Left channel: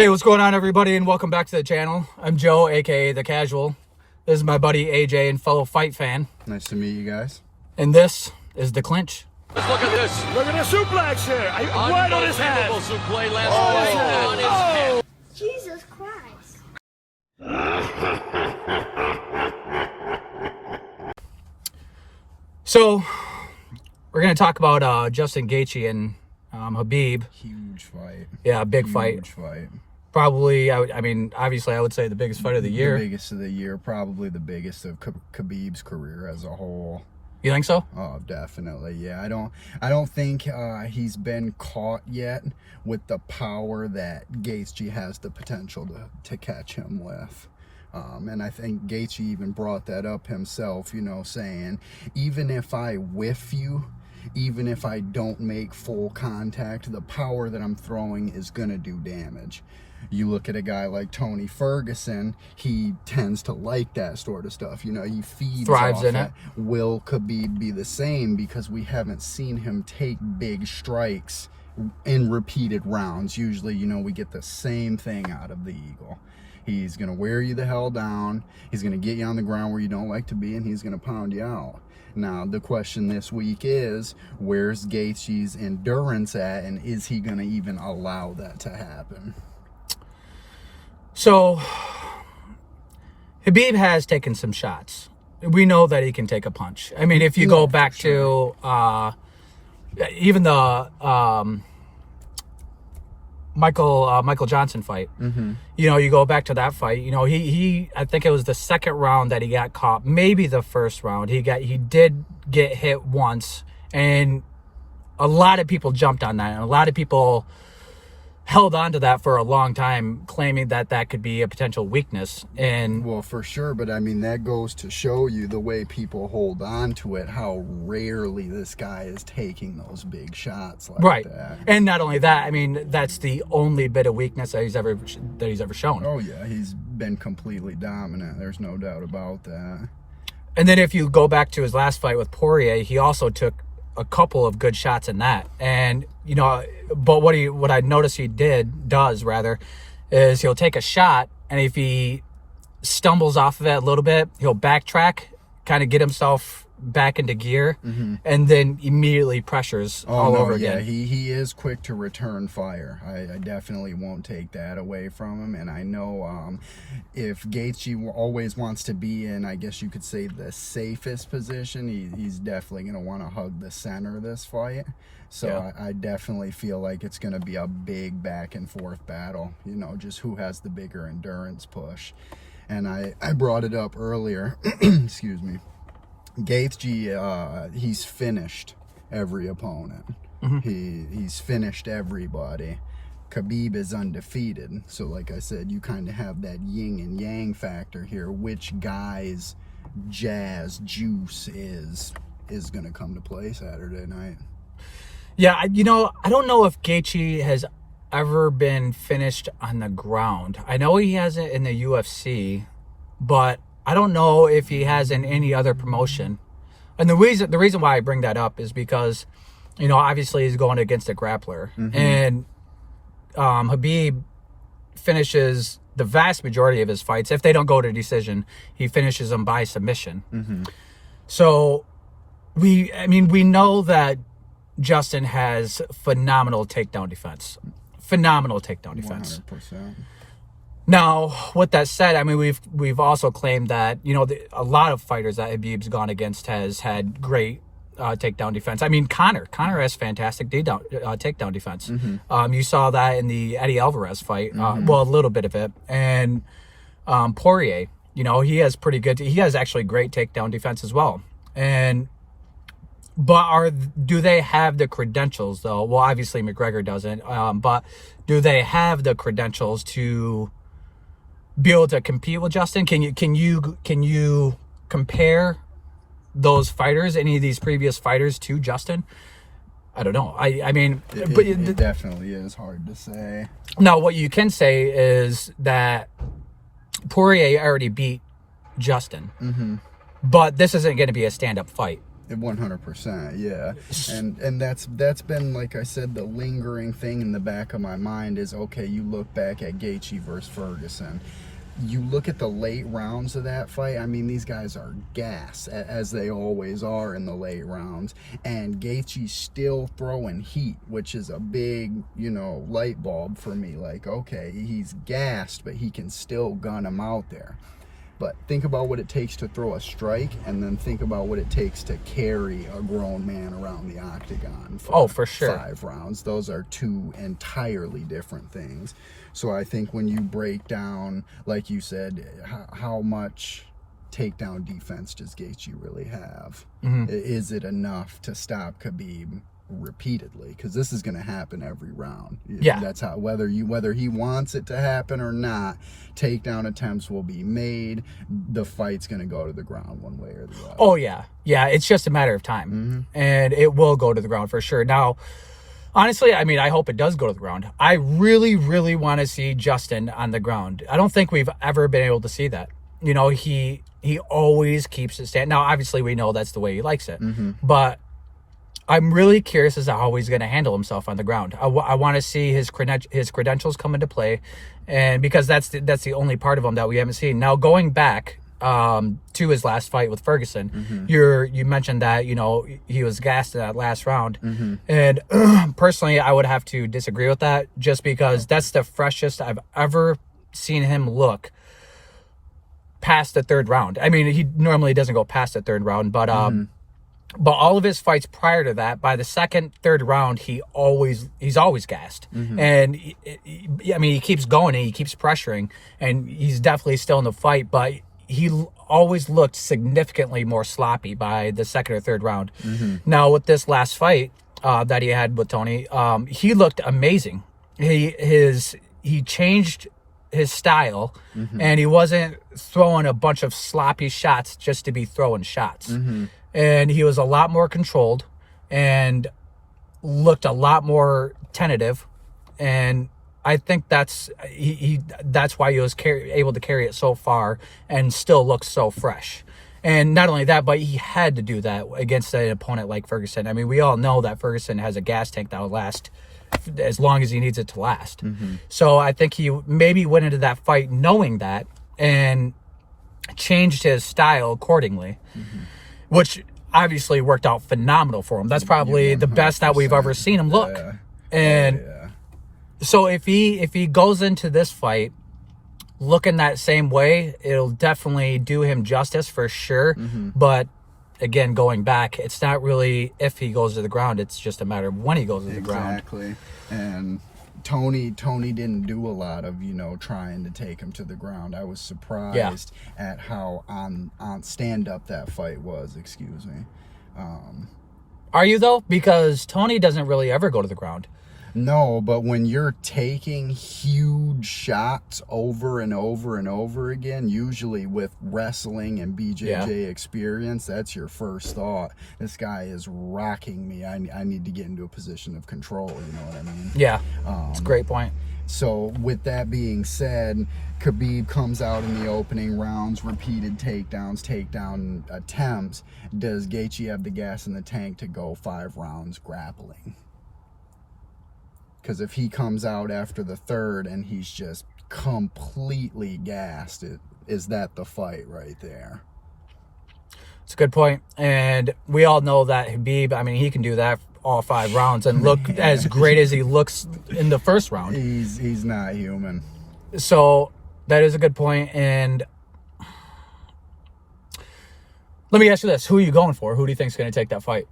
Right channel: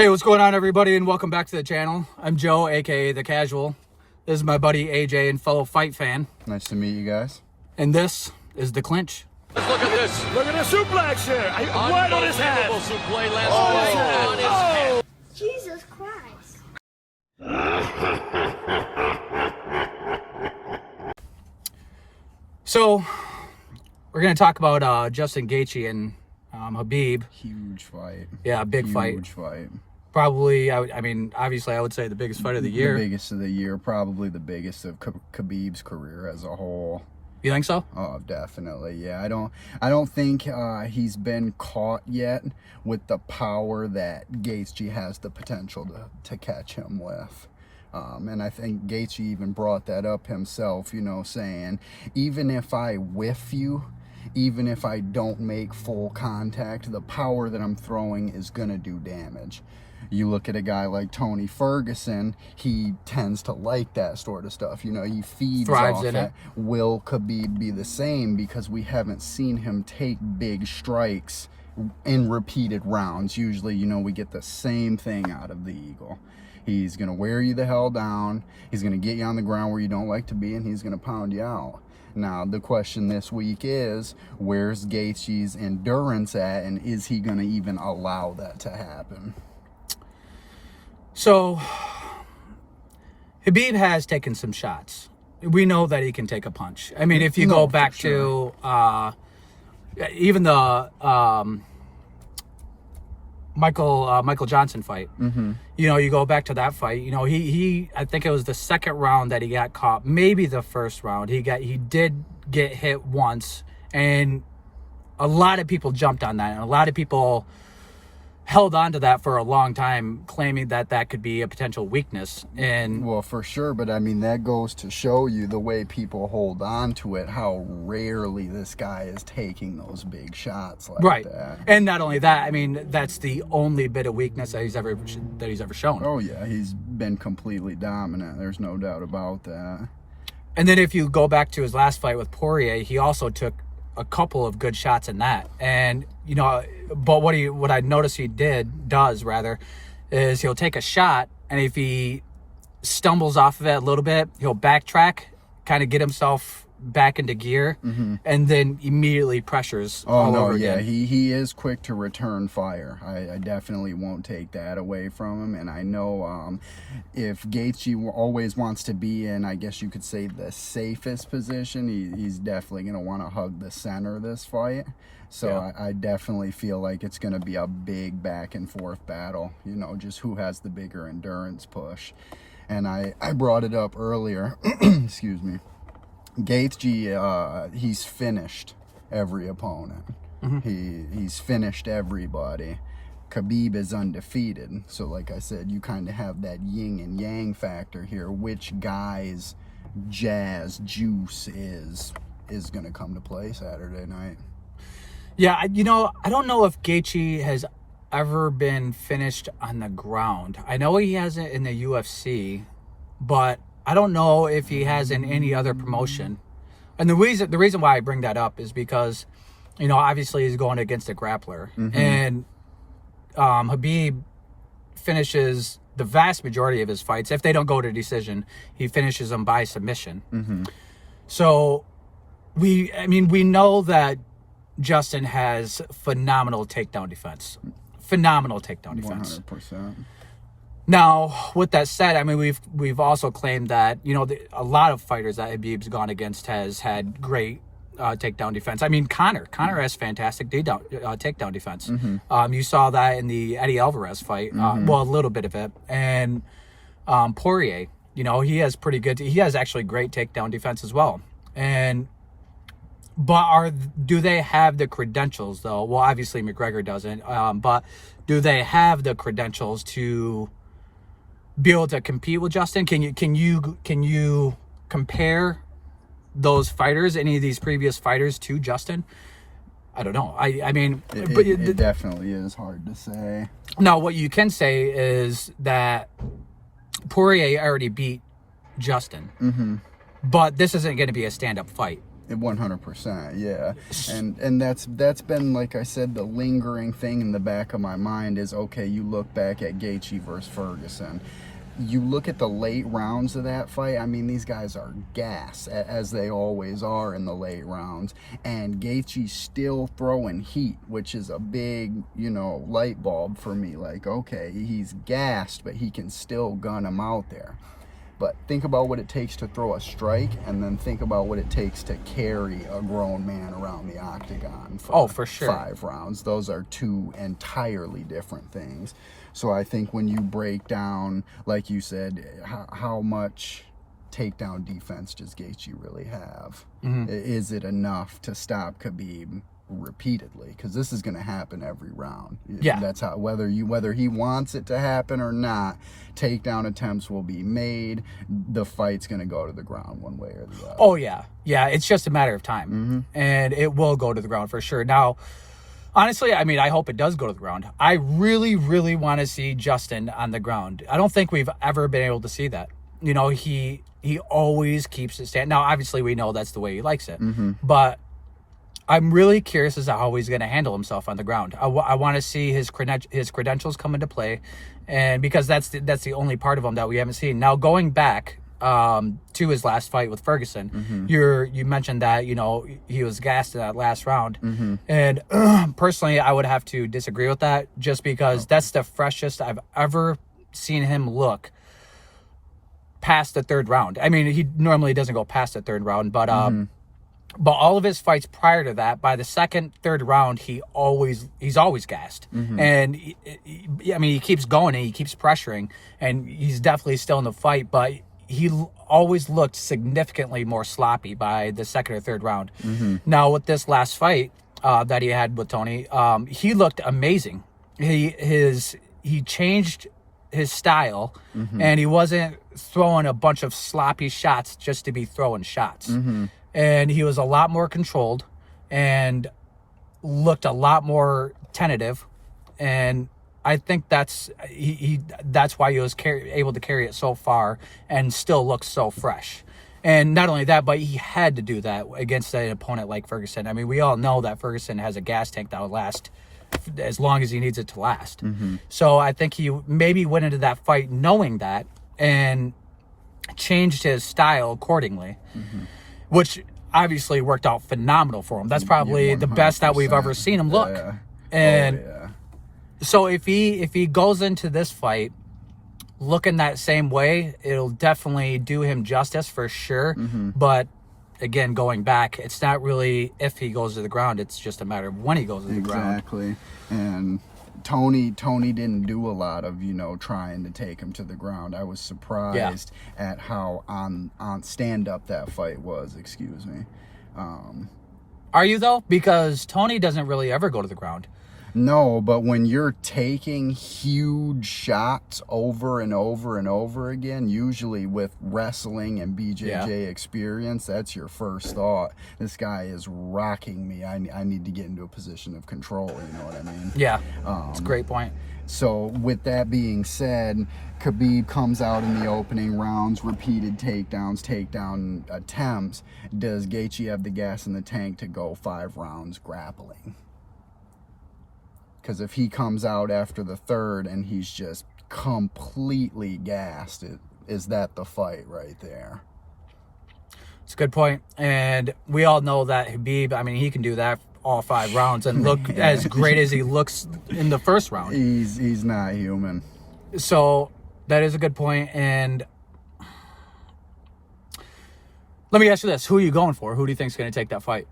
Hey, what's going on, everybody, and welcome back to the channel. I'm Joe, aka The Casual. This is my buddy AJ and fellow fight fan. Nice to meet you guys. And this is The Clinch. Let's look at this. Look at the suplex here. Right on his head. Suplex lands on his head. Jesus Christ. So, we're going to talk about Justin Gaethje and Khabib. Huge fight. Yeah, big fight. Huge fight. Probably, I mean, obviously, I would say the biggest fight of the year. The biggest of the year. Probably the biggest of Khabib's career as a whole. You think so? Oh, definitely. Yeah, I don't think he's been caught yet with the power that Gaethje has the potential to catch him with. And I think Gaethje even brought that up himself, you know, saying, even if I whiff you, even if I don't make full contact, the power that I'm throwing is going to do damage. You look at a guy like Tony Ferguson, he tends to like that sort of stuff. You know, he feeds thrives off in it. Will Khabib be the same? Because we haven't seen him take big strikes in repeated rounds. Usually, you know, we get the same thing out of the Eagle. He's going to wear you the hell down. He's going to get you on the ground where you don't like to be, and he's going to pound you out. Now, the question this week is, where's Gaethje's endurance at, and is he going to even allow that to happen? So, Khabib has taken some shots. We know that he can take a punch. I mean, if you go back to even the Michael Johnson fight, you know, you go back to that fight, you know, he I think it was the second round that he got caught, maybe the first round. He did get hit once, and a lot of people jumped on that, and a lot of people held on to that for a long time, claiming that that could be a potential weakness. And well, for sure, but I mean, that goes to show you the way people hold on to it, how rarely this guy is taking those big shots like that. And not only that, I mean, that's the only bit of weakness that he's ever shown. Oh yeah, he's been completely dominant. There's no doubt about that. And then if you go back to his last fight with Poirier, he also took a couple of good shots in that. And you know, but what I noticed he does is he'll take a shot, and if he stumbles off of it a little bit, he'll backtrack, kind of get himself back into gear, and then immediately pressures all over again. He is quick to return fire. I definitely won't take that away from him. And I know if Gaethje always wants to be in, I guess you could say, the safest position, he's definitely going to want to hug the center of this fight. So yeah. I definitely feel like it's going to be a big back and forth battle, you know, just who has the bigger endurance push. And I brought it up earlier, excuse me, Gaethje, he's finished every opponent. He's finished everybody. Khabib is undefeated. So like I said, you kind of have that yin and yang factor here. Which guy's jazz juice is going to come to play Saturday night? Yeah, you know, I don't know if Gaethje has ever been finished on the ground. I know he hasn't in the UFC, but I don't know if he has in any other promotion. And the reason why I bring that up is because, you know, obviously he's going against a grappler. And Khabib finishes the vast majority of his fights. If they don't go to decision, he finishes them by submission. So we know that Justin has phenomenal takedown defense. Phenomenal takedown defense. 100%. Now, with that said, I mean, we've also claimed that, you know, a lot of fighters that Khabib's gone against has had great takedown defense. I mean, Conor has fantastic takedown defense. You saw that in the Eddie Alvarez fight. Well, a little bit of it. And Poirier, you know, he has actually great takedown defense as well. But do they have the credentials, though? Well, obviously McGregor doesn't. But do they have the credentials to be able to compete with Justin? Can you compare those fighters, any of these previous fighters, to Justin? I don't know. I mean, it definitely is hard to say. Now, what you can say is that Poirier already beat Justin, but this isn't going to be a stand-up fight. 100%, yeah. And that's been, like I said, the lingering thing in the back of my mind is, okay, you look back at Gaethje versus Ferguson. You look at the late rounds of that fight, I mean, these guys are gas, as they always are in the late rounds. And Gaethje's still throwing heat, which is a big, light bulb for me. Like, okay, he's gassed, but he can still gun him out there. But think about what it takes to throw a strike, and then think about what it takes to carry a grown man around the octagon for sure. 5 rounds. Those are 2 entirely different things. So I think when you break down, like you said, how much takedown defense does Gaethje really have? Is it enough to stop Khabib repeatedly? Because this is going to happen every round. Yeah, that's how, whether he wants it to happen or not, takedown attempts will be made. The fight's going to go to the ground one way or the other. Oh yeah, it's just a matter of time, and it will go to the ground for sure. Now, honestly, I mean, I hope it does go to the ground. I really, really want to see Justin on the ground. I don't think we've ever been able to see that. He always keeps it standing. Now, obviously, we know that's the way he likes it, but I'm really curious as to how he's going to handle himself on the ground. I want to see his credentials come into play, and because that's the only part of him that we haven't seen. Now, going back to his last fight with Ferguson, you mentioned that he was gassed in that last round, and personally, I would have to disagree with that, just because that's the freshest I've ever seen him look past the 3rd round. I mean, he normally doesn't go past the 3rd round, but all of his fights prior to that, by the 2nd, 3rd round, he's always gassed. And he keeps going and he keeps pressuring, and he's definitely still in the fight, but he always looked significantly more sloppy by the 2nd or 3rd round. Now, with this last fight that he had with Tony, he looked amazing. He changed his style, and he wasn't throwing a bunch of sloppy shots just to be throwing shots. And he was a lot more controlled and looked a lot more tentative, and I think that's why he was able to carry it so far and still look so fresh. And not only that, but he had to do that against an opponent like Ferguson. I mean, we all know that Ferguson has a gas tank that will last as long as he needs it to last. So I think he maybe went into that fight knowing that and changed his style accordingly, which obviously worked out phenomenal for him. That's probably the best that we've ever seen him look. And so if he goes into this fight looking that same way, it'll definitely do him justice for sure. But again, going back, it's not really if he goes to the ground, it's just a matter of when he goes to the ground. Exactly. And Tony didn't do a lot of, trying to take him to the ground. I was surprised at how on stand up that fight was, excuse me. Are you though? Because Tony doesn't really ever go to the ground. No, but when you're taking huge shots over and over and over again, usually with wrestling and BJJ experience, that's your first thought. This guy is rocking me. I need to get into a position of control, you know what I mean? Yeah, it's a great point. So with that being said, Khabib comes out in the opening rounds, repeated takedown attempts. Does Gaethje have the gas in the tank to go 5 rounds grappling? Because if he comes out after the 3rd and he's just completely gassed, is that the fight right there? It's a good point. And we all know that Khabib, I mean, he can do that all 5 rounds and look as great as he looks in the 1st round. He's not human. So that is a good point. And let me ask you this. Who are you going for? Who do you think is going to take that fight?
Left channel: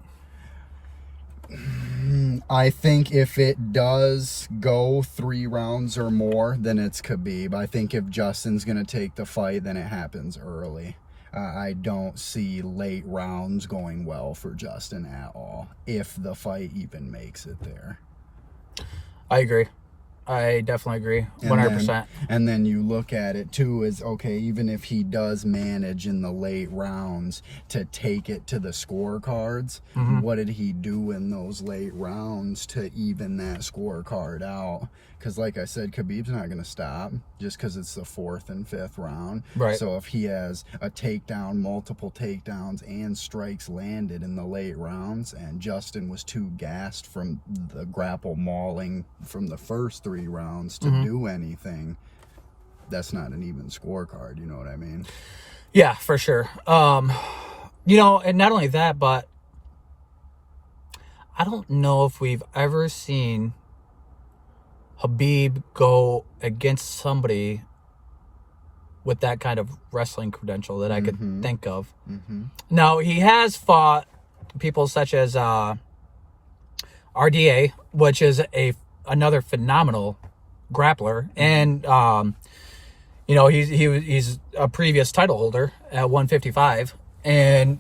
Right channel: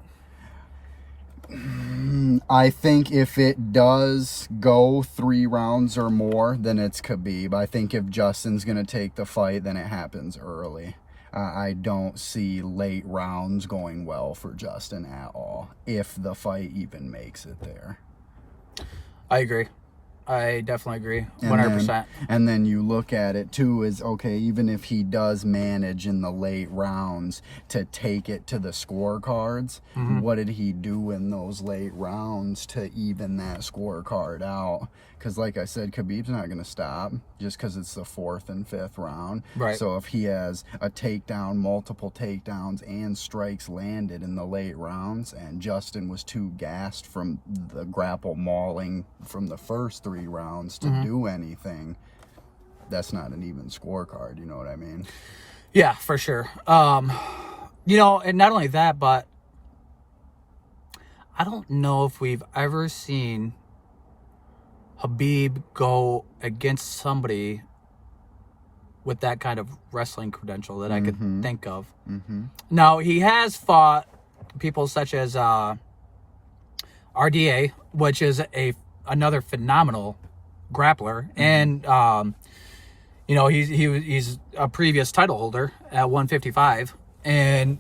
I think if it does go 3 rounds or more, then it's Khabib. I think if Justin's going to take the fight, then it happens early. I don't see late rounds going well for Justin at all, if the fight even makes it there. I agree. I definitely agree, And 100%. and then you look at it too as, okay, even if he does manage in the late rounds to take it to the scorecards, what did he do in those late rounds to even that scorecard out? Because like I said, Khabib's not going to stop just because it's the 4th and 5th round. Right. So if he has a takedown, multiple takedowns, and strikes landed in the late rounds, and Justin was too gassed from the grapple mauling from the first 3 rounds to do anything, that's not an even scorecard. You know what I mean? Yeah, for sure. You know, and not only that, but I don't know if we've ever seen Khabib go against somebody with that kind of wrestling credential that I could think of. Now, he has fought people such as RDA, which is another phenomenal grappler, and you know, he's a previous title holder at 155, and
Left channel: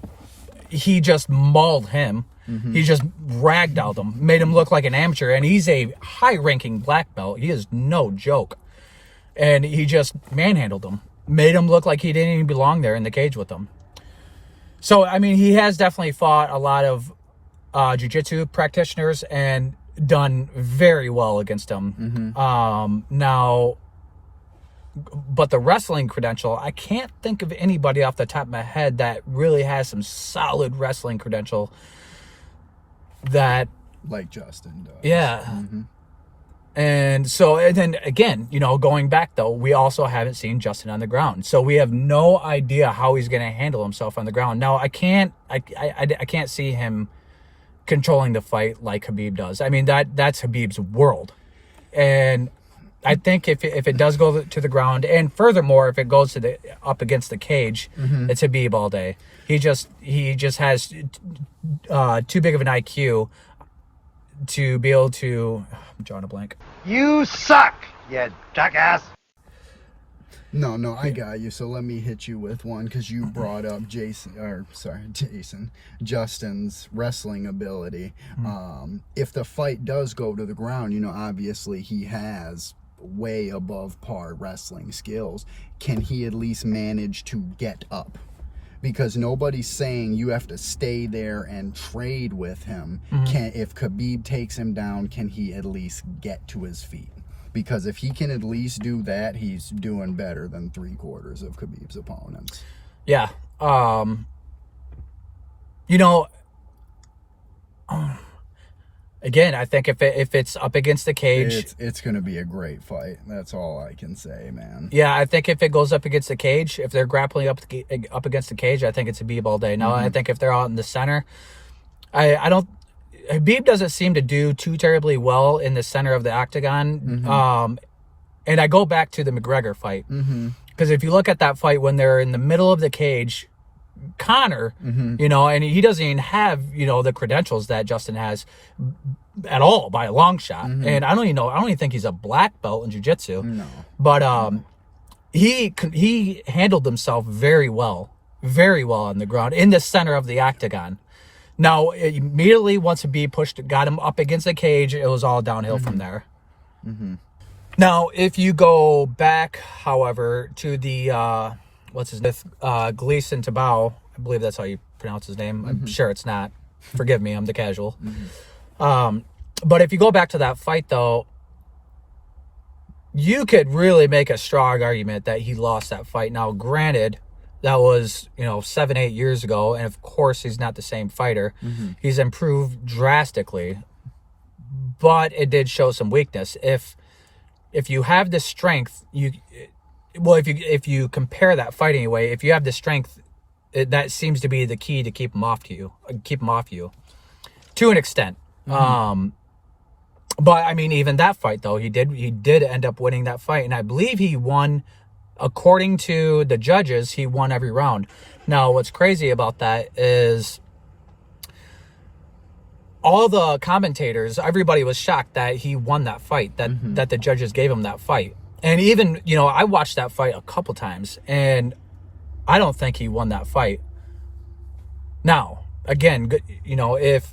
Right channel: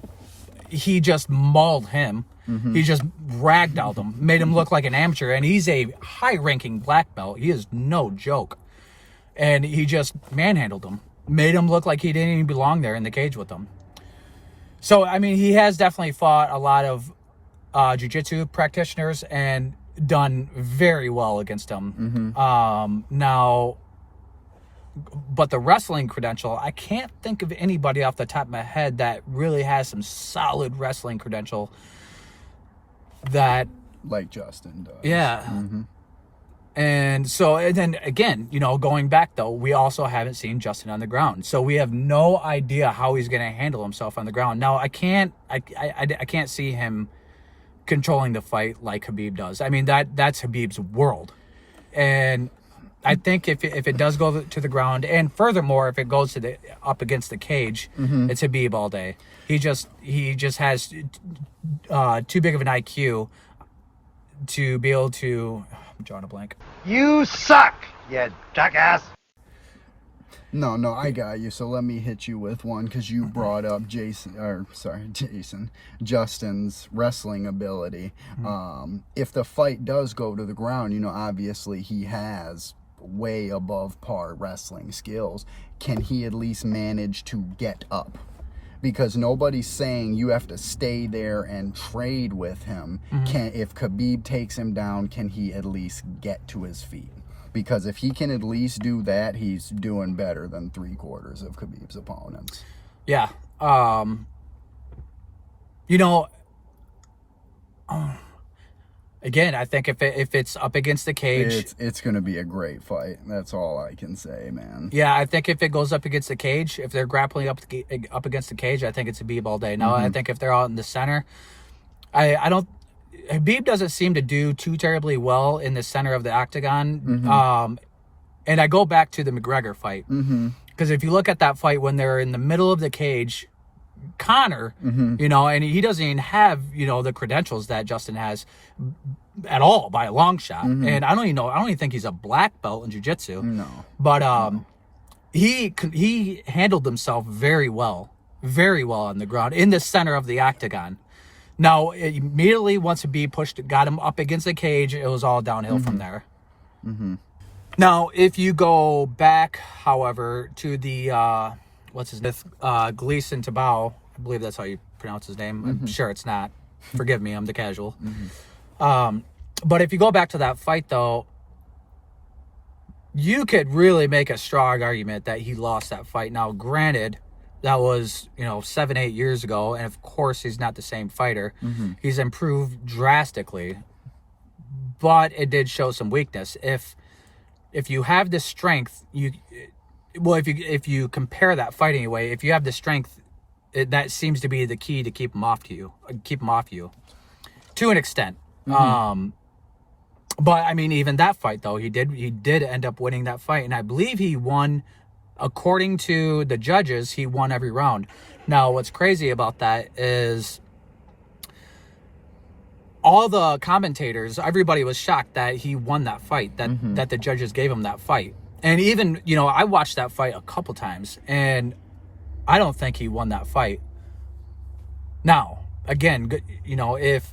he just mauled him. He just ragdolled him, made him look like an amateur, and he's a high-ranking black belt. He is no joke. And he just manhandled him, made him look like he didn't even belong there in the cage with them. So, I mean, he has definitely fought a lot of jiu-jitsu practitioners and done very well against them. Now, but the wrestling credential, I can't think of anybody off the top of my head that really has some solid wrestling credential that, Like Justin does. yeah. And so, and then again, you know, going back though, we also haven't seen Justin on the ground, so we have no idea how he's going to handle himself on the ground. Now, I can't see him controlling the fight like Khabib does. I mean, that's Khabib's world, and I think if it does go to the ground, and furthermore, if it goes to the up against the cage, it's Khabib all day. He just has too big of an IQ to be able to. I'm drawing a blank. You suck, you jackass. No, I got you. So let me hit you with one, because you brought up Justin's wrestling ability. If the fight does go to the ground, you know, obviously he has way above par wrestling skills. Can he at least manage to get up? Because nobody's saying you have to stay there and trade with him. If Khabib takes him down, can he at least get to his feet? Because if he can at least do that, he's doing better than 3/4 of Khabib's opponents. Yeah. You know, again, I think if it's up against the cage, it's going to be a great fight. That's all I can say, man. yeah, I think if it goes up against the cage, if they're grappling up against the cage, I think it's Khabib all day. Now, I think if they're out in the center, I don't. Khabib doesn't seem to do too terribly well in the center of the octagon. And I go back to the McGregor fight, because if you look at that fight when they're in the middle of the cage, Conor, you know, and he doesn't even have, you know, the credentials that Justin has at all by a long shot. And I don't even think he's a black belt in jiu-jitsu. No. But he handled himself very well on the ground in the center of the octagon. Now, immediately once Khabib got him up against the cage, it was all downhill from there. Now, if you go back, however, to the what's his name? Gleason Tabao, I believe that's how you pronounce his name. I'm sure it's not. Forgive me, I'm the casual. But if you go back to that fight, though, you could really make a strong argument that he lost that fight. Now, granted, that was, you know, 7-8 years ago, and of course he's not the same fighter. He's improved drastically, but it did show some weakness. If you have the strength, if you compare that fight anyway, if you have the strength, that seems to be the key to keep him off you to an extent. But I mean, even that fight though, he did end up winning that fight, and I believe he won. According to the judges, he won every round. Now, what's crazy about that is all the commentators, everybody was shocked that he won that fight, that the judges gave him that fight. And even, you know, I watched that fight a couple times, and I don't think he won that fight. Now, again, you know, if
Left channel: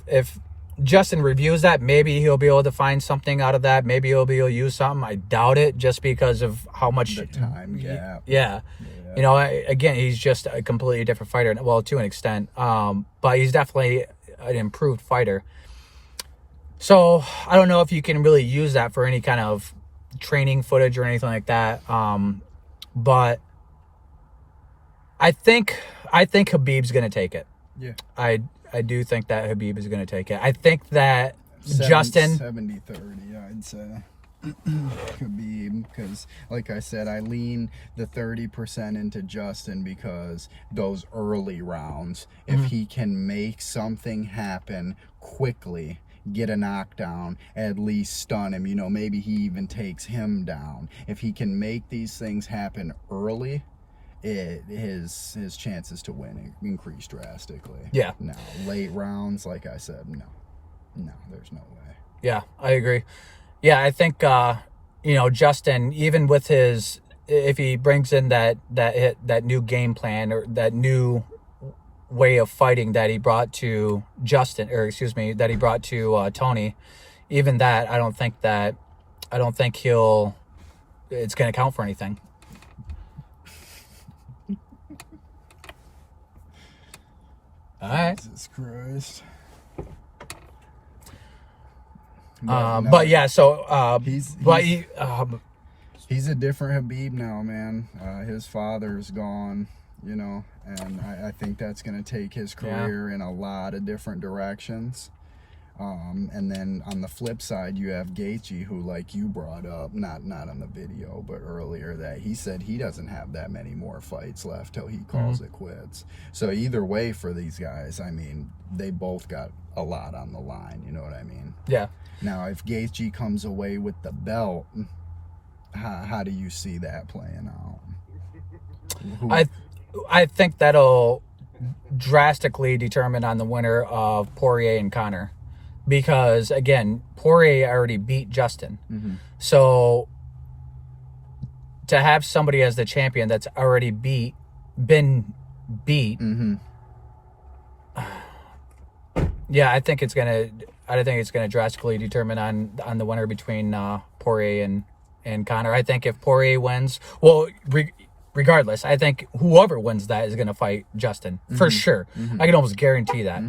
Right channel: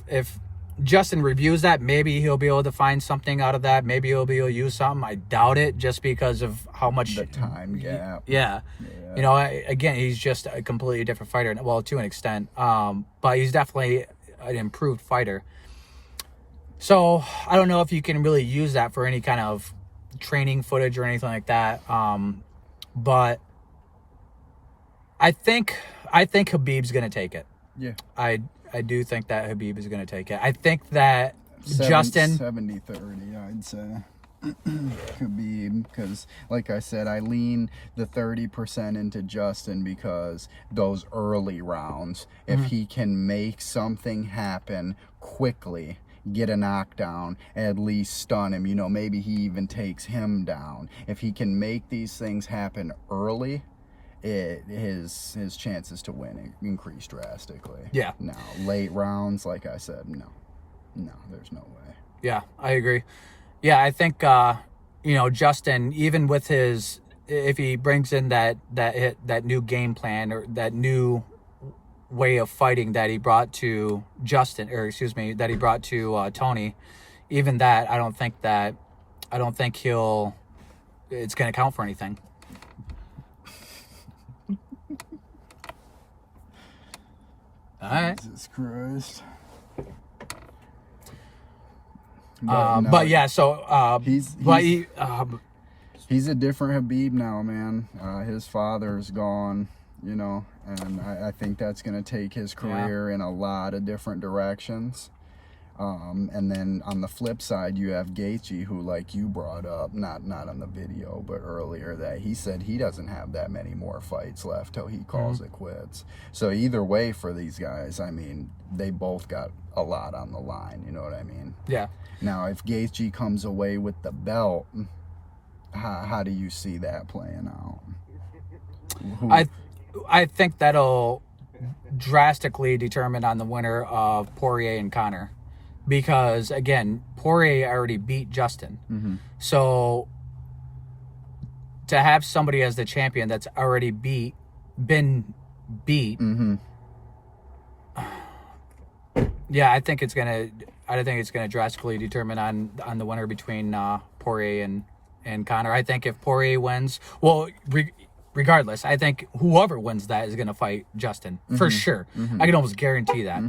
Justin reviews that, maybe he'll be able to find something out of that. Maybe he'll be able to use something. I doubt it, just because of how much the time gap. Yeah. You know, again, he's just a completely different fighter. Well, to an extent, but he's definitely an improved fighter. So I don't know if you can really use that for any kind of training footage or anything like that. But I think Khabib's going to take it. Yeah. I do think that Khabib is going to take it. I think that Justin 70-30, I'd say. Khabib, because like I said, I lean the 30% into Justin, because those early rounds, if he can make something happen quickly, get a knockdown, at least stun him, you know, maybe he even takes him down. If he can make these things happen early, his chances to win increase drastically. Yeah. Now, late rounds, like I said, no, there's no way. Yeah, I agree. Yeah, I think you know, Justin, even with his, if he brings in that new game plan, or that new way of fighting that he brought to Justin, or excuse me, that he brought to Tony, even that, I don't think it's going to count for anything. All right. Jesus Christ. But yeah, so he's a different Khabib now, man. His father's gone, you know, and I think that's going to take his career in a lot of different directions. And then on the flip side, you have Gaethje, who, like you brought up, not on the video, but earlier, that he said he doesn't have that many more fights left till he calls it quits. So either way for these guys, I mean, they both got a lot on the line, you know what I mean? Yeah. Now, if Gaethje comes away with the belt, how do you see that playing out? I think that'll drastically determine on the winner of Poirier and Conor, because again, Poirier already beat Justin. So to have somebody as the champion that's already been beat, yeah, I think it's gonna drastically determine on the winner between Poirier and Conor. I think if Poirier wins, well, regardless, I think whoever wins that is gonna fight Justin for sure. I can almost guarantee that.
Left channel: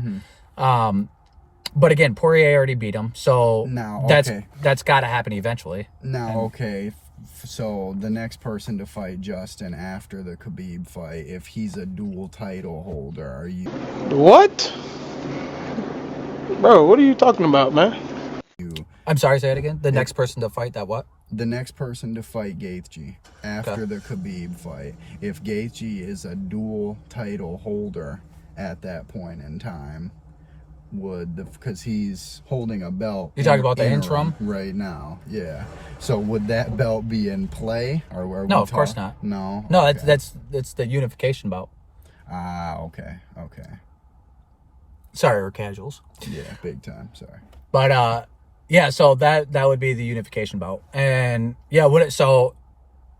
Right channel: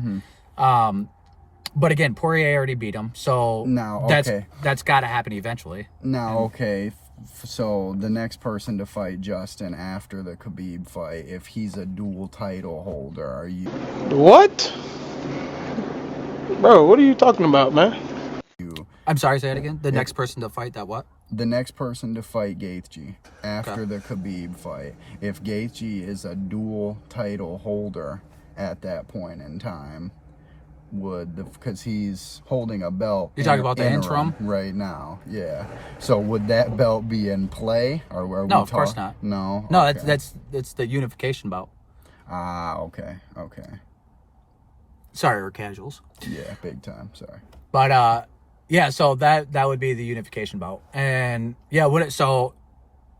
But again, Poirier already beat him, so that's got to happen eventually. Now, okay, so the next person to fight Justin after the Khabib fight, if he's a dual title holder, are you? What? Bro, what are you talking about, man? I'm sorry, say it again. The next person to fight that what? The next person to fight Gaethje after the Khabib fight, if Gaethje is a dual title holder at that point in time, because he's holding a belt. You're talking about the interim right now, yeah. So would that belt be in play, or no? Of course not. No. No, okay. that's the unification belt. Okay. Sorry, we're casuals. Yeah, big time. Sorry. But yeah, so that would be the unification belt, and yeah, so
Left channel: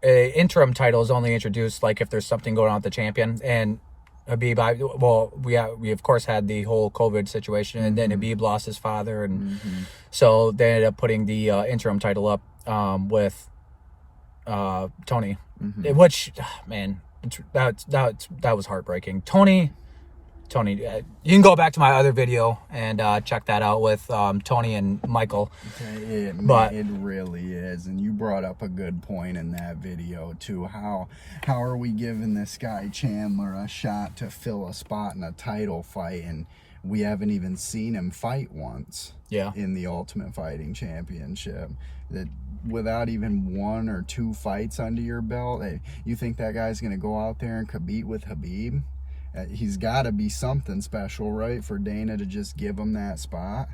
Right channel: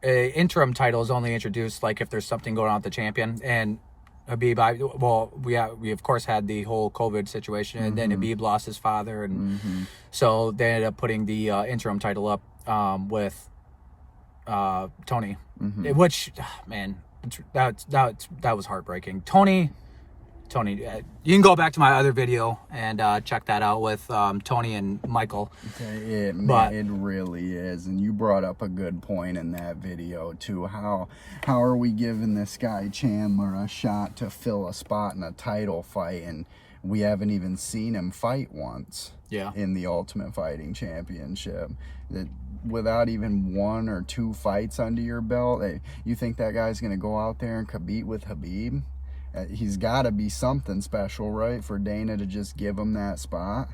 a interim title is only introduced like if there's something going on with the champion. And Khabib, we of course had the whole COVID situation, and then Khabib lost his father, and so they ended up putting the interim title up with Tony, which man, that was heartbreaking. Tony, you can go back to my other video and check that out with Tony and Michael. Okay, it really is, and you brought up a good point in that video too. How are we giving this guy Chandler a shot to fill a spot in a title fight, and we haven't even seen him fight once? Yeah. In the Ultimate Fighting Championship, without even 1 or 2 fights under your belt, you think that guy's gonna go out there and compete with Khabib? He's got to be something special, right, for Dana to just give him that spot?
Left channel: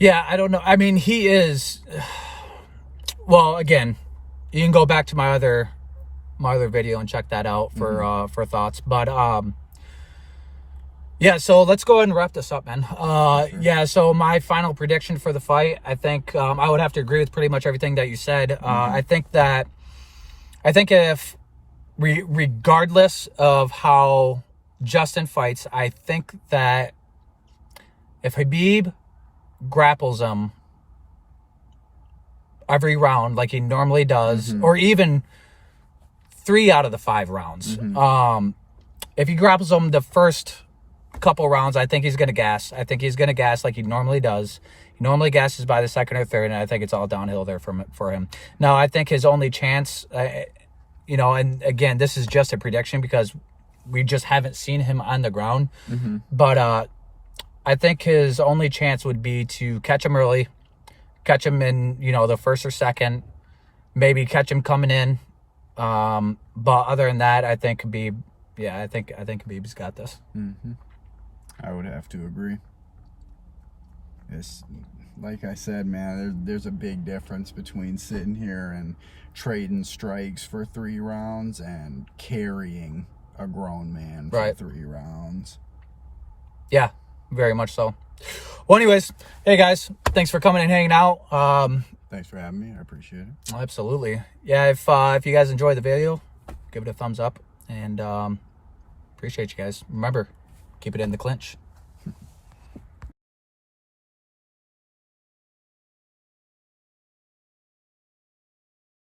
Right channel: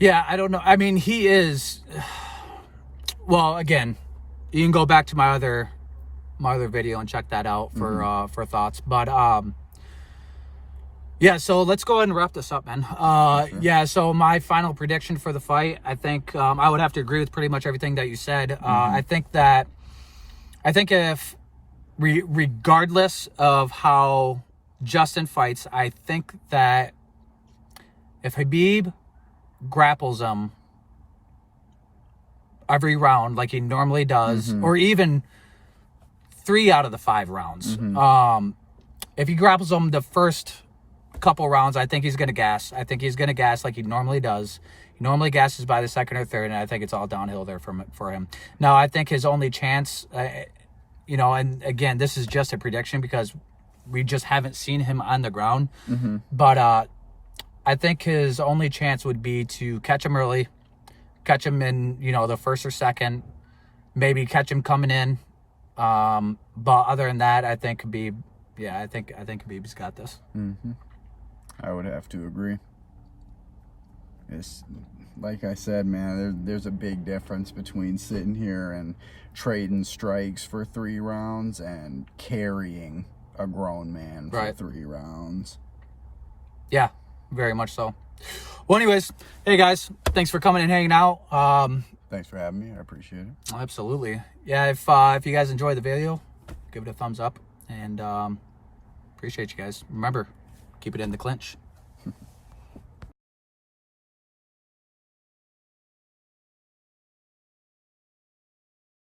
Yeah, I don't know. I mean, he is. Well, again, you can go back to my other video and check that out for thoughts. But yeah, so let's go ahead and wrap this up, man. Sure. Yeah, so my final prediction for the fight, I think I would have to agree with pretty much everything that you said. I think if regardless of how Justin fights, I think that if Khabib grapples him every round like he normally does, or even 3 out of the 5 rounds, if he grapples him the first couple rounds, I think he's going to gas. I think he's going to gas like he normally does. He normally gasses by the second or third, and I think it's all downhill there for him. Now, I think his only chance, you know, and again, this is just a prediction because we just haven't seen him on the ground. But I think his only chance would be to catch him early, catch him in, you know, the first or second, maybe catch him coming in. But other than that, I think Khabib, yeah, I think Khabib's got this. I would have to agree. It's like I said, man, there's a big difference between sitting here and trading strikes for 3 rounds and carrying a grown man for 3 rounds. Yeah, very much so. Well, anyways, hey guys, thanks for coming and hanging out. Thanks for having me. I appreciate it. Absolutely. Yeah, if you guys enjoyed the video, give it a thumbs up, and appreciate you guys. Remember, keep it in the clinch.